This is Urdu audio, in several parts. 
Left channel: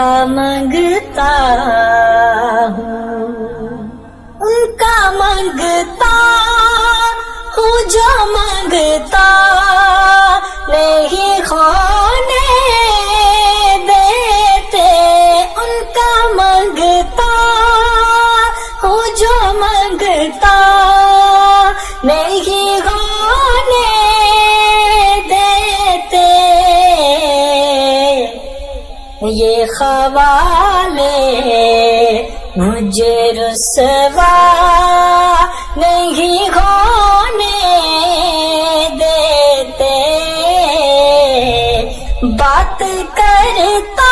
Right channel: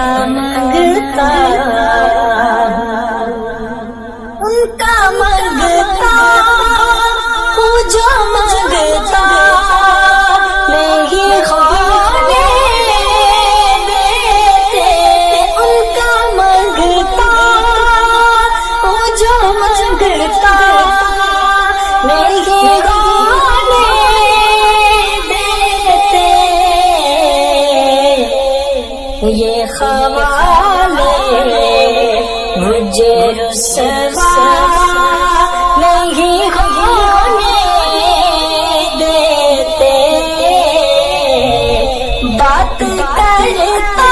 کا منگتا ان کا منگتا ہوں جو منگتا نہیں ہونے دیتے ان کا منگتا ہوں جو منگتا نہیں ہونے دیتے یہ خوالے مجھے رسوا نہیں ہونے دیتے بات کرتا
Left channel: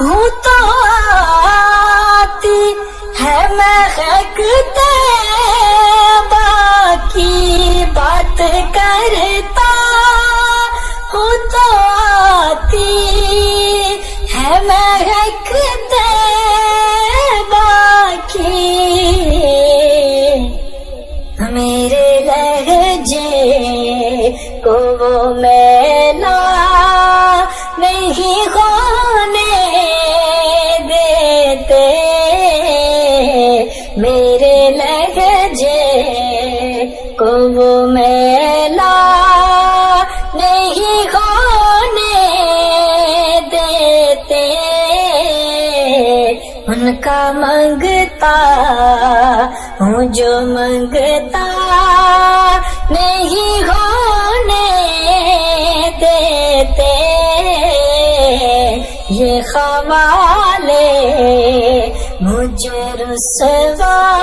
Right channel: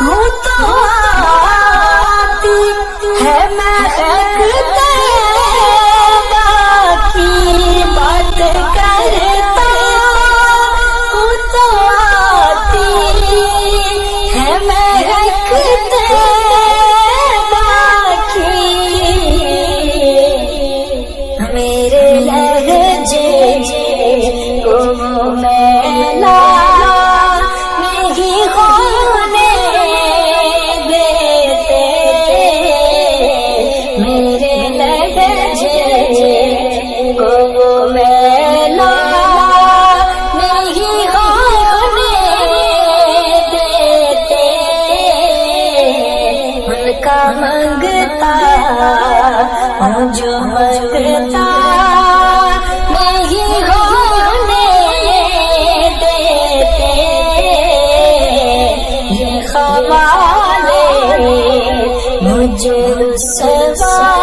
ہوں تو آتی ہے مہکتے باقی بات کرتا ہوں تو آتی ہے مہکتے میرے لہجے کو میلا نہیں ہونے دیتے میرے لہجے کو میلا نہیں ہونے دیتے ان کا منگتا ہوں جو منگتا نہیں ہونے دیتے یہ خوالے مجھے رسوا